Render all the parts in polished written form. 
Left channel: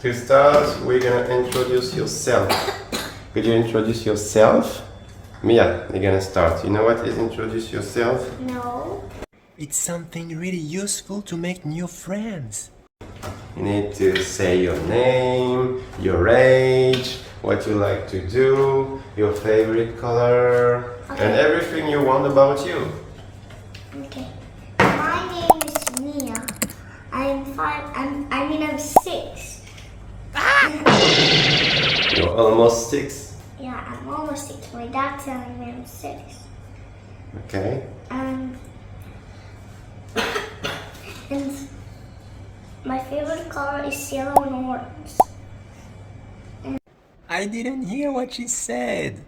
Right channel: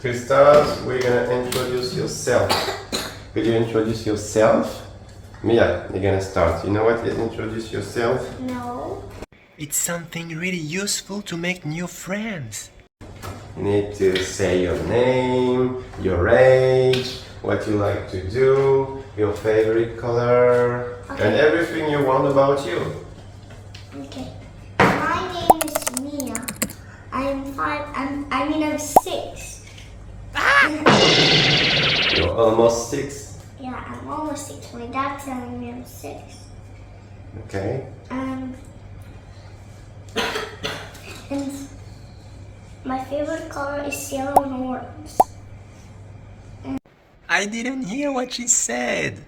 To start, we're gonna introduce yourself. Could you introduce yourself? Mia, you're gonna start. You know what is introduce yourself? No. It's something really useful to make new friends. You need to say your name, your age, what you like to do, your favorite color, and everything you want about you. Okay. My name is Mia. I'm 6. You're almost 6. Yeah, I'm almost 6. My dad's telling me I'm 6. Okay. And my favorite color is yellow and orange. I didn't hear what she said.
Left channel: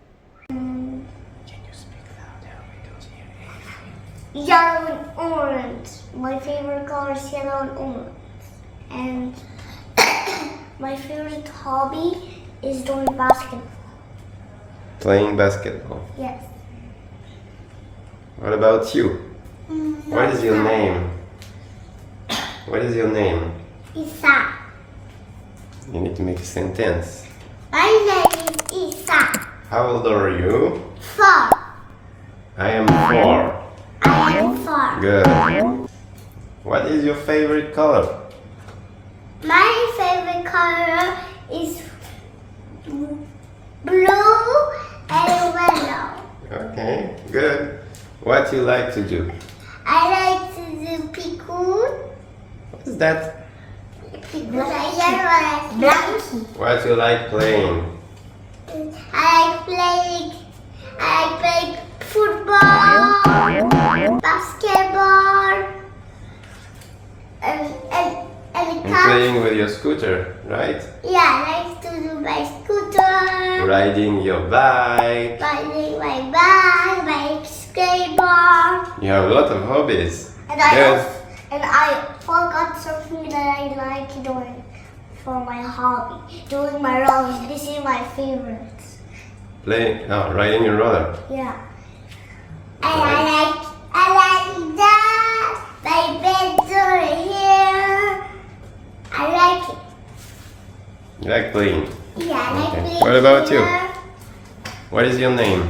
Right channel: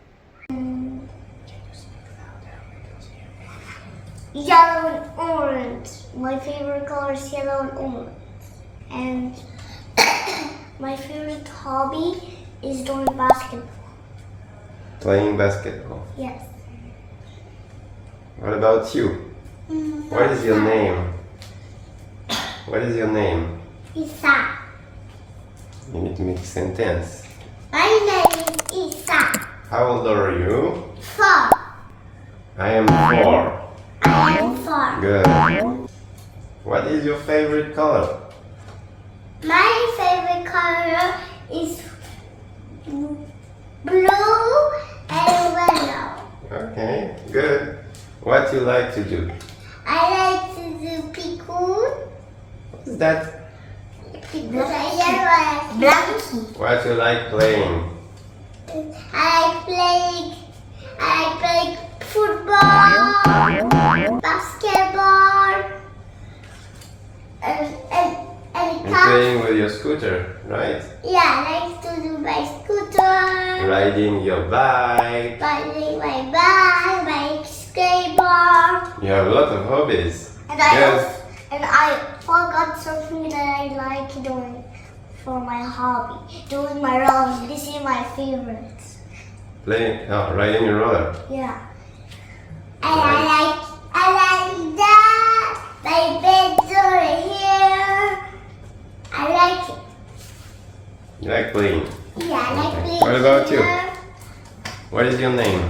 And Can you speak louder? We don't hear anything. yellow and orange. My favorite color is yellow and orange. And my favorite hobby is doing basketball. Playing basketball. Yes. What about you? What is your name? What is your name? Isa. You need to make a sentence. My name is Isa. How old are you? 4. I am 4. I am 4. Good. What is your favorite color? My favorite color is blue and yellow. Okay, good. What you like to do? I like to do pickle. What is that? Blanky. What you like playing? I like playing football, basketball, and And playing with your scooter, right? yeah, I like to do my scooter, Riding your bike. riding my bike, my skateboard, You have a lot of hobbies. and Good. I forgot something that I like doing for my hobby, doing my rolling. This is my favorite. Riding your roller. Yeah. And I like that. My bed's over here. I like it. You like playing. Yeah, I like Okay. playing What about you? here. What is your name?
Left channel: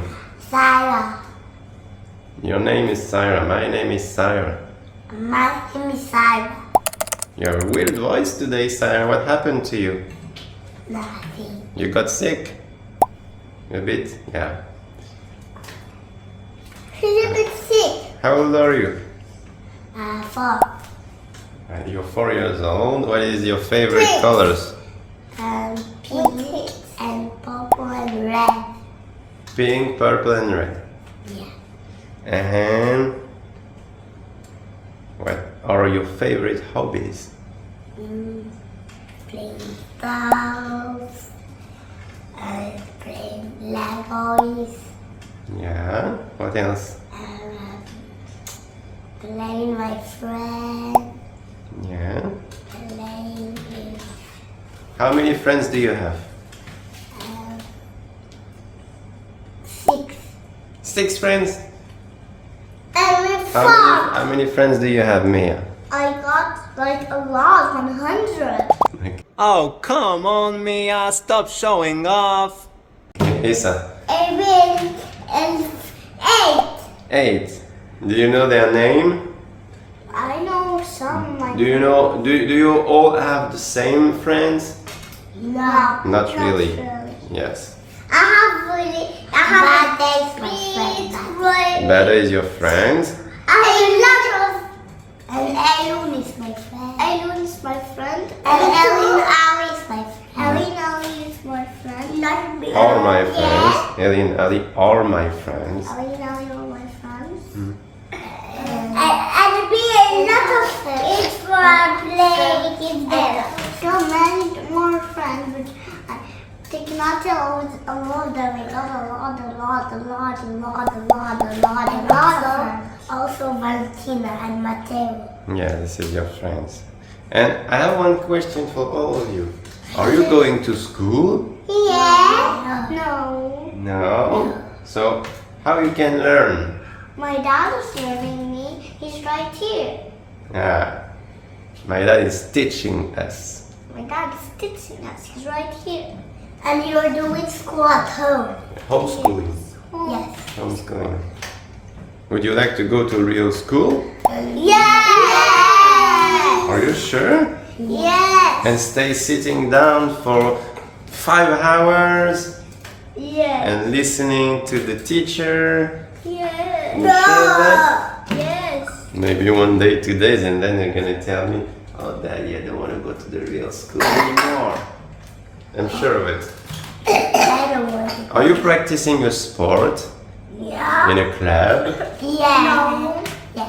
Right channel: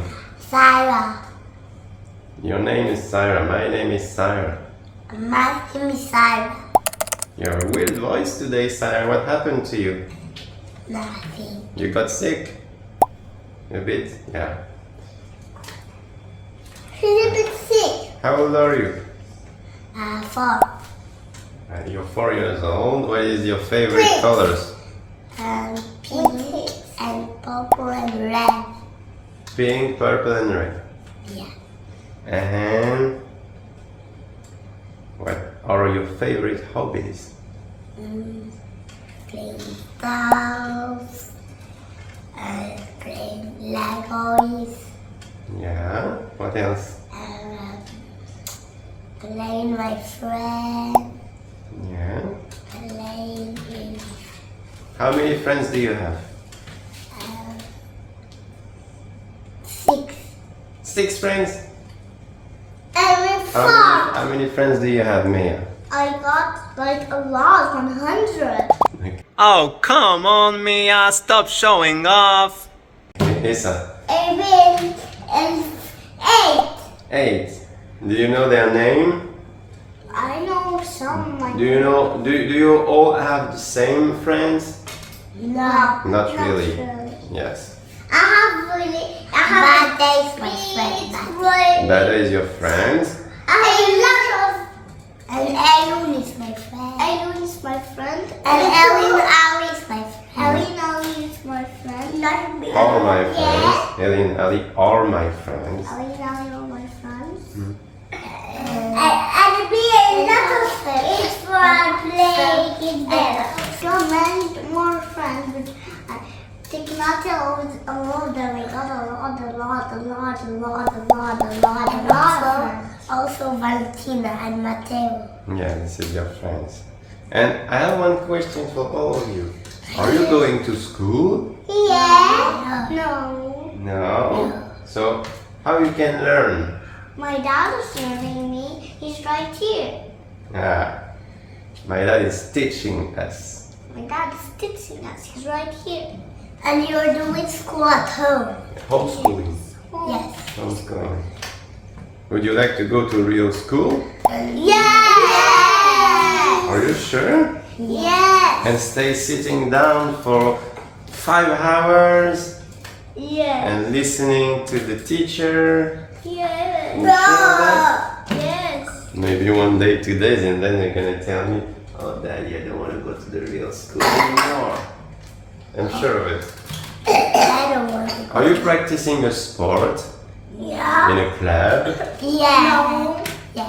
Sarah. Your name is Sarah. My name is Sarah. My name is Sarah. You have a weird voice today, Sarah. What happened to you? Nothing. You got sick? A bit? Yeah. She's a bit sick. How old are you? 4. You're 4 years old. What is your favorite Pink. colors? Pink and purple and red. Pink, purple, and red. Yeah. And what are your favorite hobbies? Playing dolls. And playing Legos. Yeah. What else? Playing my friend. Yeah. Playing with How many friends do you have? 6. 6 friends. And with 4. How many friends do you have, Mia? I got like a lot, 100. Oh, come on, Mia. Stop showing off. Isa. And 8. 8. Do you know their name? I know some. Like Do you know? Do you all have the same friends? No. Not really. Yes. I have Bada is my friend. Bada is your friend. And Elun is my friend. Elun is my friend. And Elin Ali is my friend. Elin Ali is my friend. All my friends. Ellie and Ali are my friends. Elin Ali are my friends. And be another friend. It's for playing in there. So many more friends. Take not a lot. Also Valentina and Matteo. Yeah, this is your friends. And I have one question for all of you. Are you going to school? Yeah. No. No. So how you can learn? My dad is learning me. He's right here. Ah, my dad is teaching us. My dad is teaching us. He's right here. And you're doing school at home. Homeschooling. Yes. Homeschooling. Would you like to go to real school? Yes. Are you sure? Yes. And stay sitting down for 5 hours Yes. and listening to the teacher. Yes. You sure that? Yes. Maybe one day, 2 days, and then you're gonna tell me, "Oh, Daddy, I don't want to go to the real school anymore." I'm sure of it. I don't want to. Are you practicing a sport Yeah. in a club? Yeah. No. Yeah.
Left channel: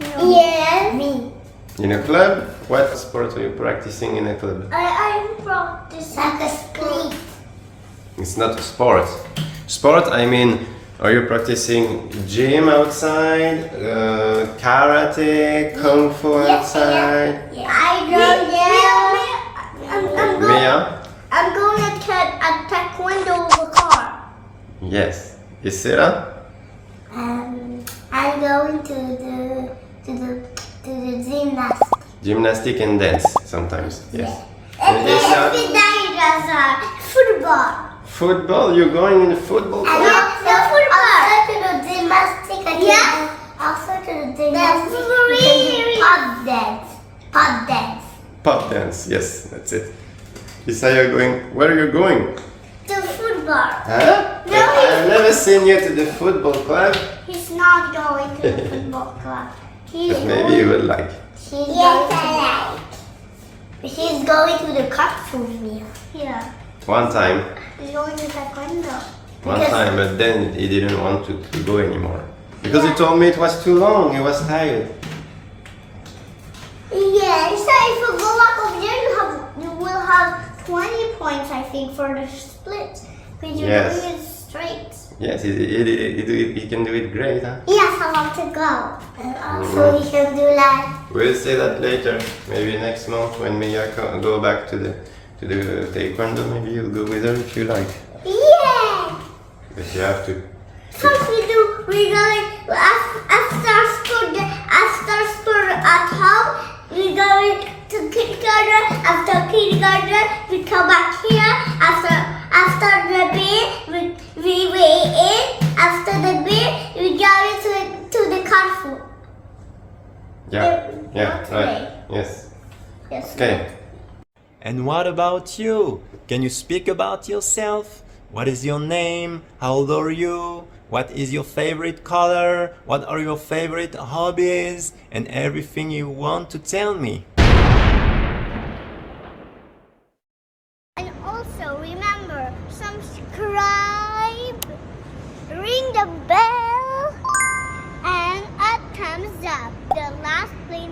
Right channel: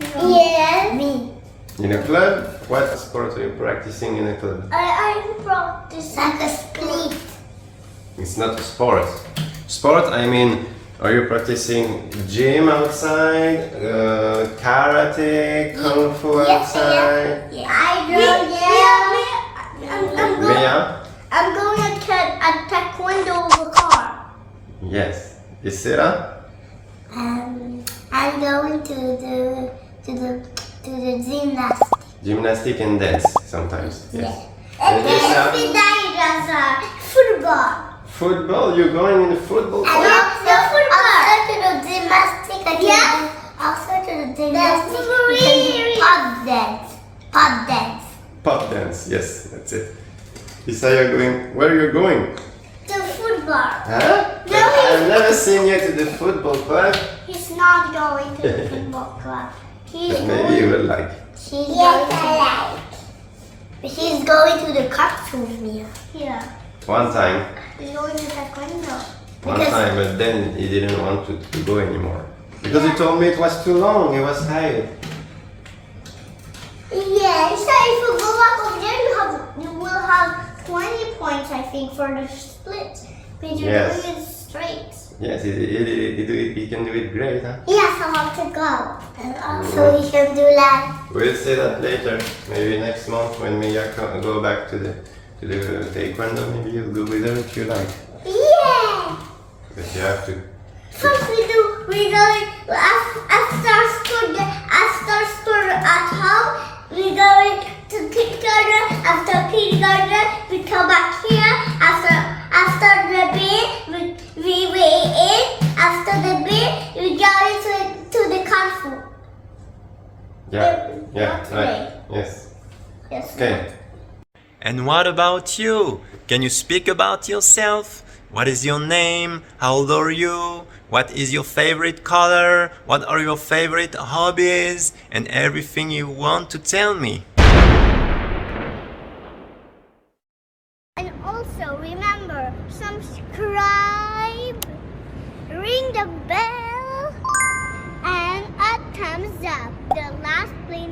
No. Yeah. Me. In a club? What sport are you practicing in a club? I practice like a split. It's not a sport. Sport, I mean, are you practicing gym outside, karate, kung fu outside? Yeah. I don't know. Mia? I'm going at taekwondo over car. Yes. Isira? I'm going to the gymnastics. Gymnastic and dance sometimes. Yes. And And Isra? Football. Football? You're going in the football club? Also to the gymnastics. Also to the gymnastics. Pop dance. Pop dance. Pop dance. Yes, that's it. Isaiah going. Where are you going? To football. Huh? No, I've never seen you to the football club. He's not going to the football club. He's But maybe you would like. He's going to the cups with me. Yeah. One time. He's going to taekwondo. One time, but then he didn't want to go anymore. Because he told me it was too long, he was tired. Yeah, so if you go back over there, you will have 20 points, I think, for the split. Because you're Yes. doing it straight. Yes, he can do it great, huh? Yes, I want to go. And also we can do like... We'll say that later. Maybe next month when Mia go back to the taekwondo, maybe you'll go with her if you like. Yeah! But you have to. First we're going, after school at home, we're going to kindergarten. After kindergarten, we come back here. After the bed, we weigh in. After the bed, we go to the kung fu. Yeah, yeah, Not today. right. Yes. Yes. Okay. And what about you? Can you speak about yourself? What is your name? How old are you? What is your favorite color? What are your favorite hobbies? And everything you want to tell me. And also remember, subscribe, ring the bell, and a thumbs up. The last place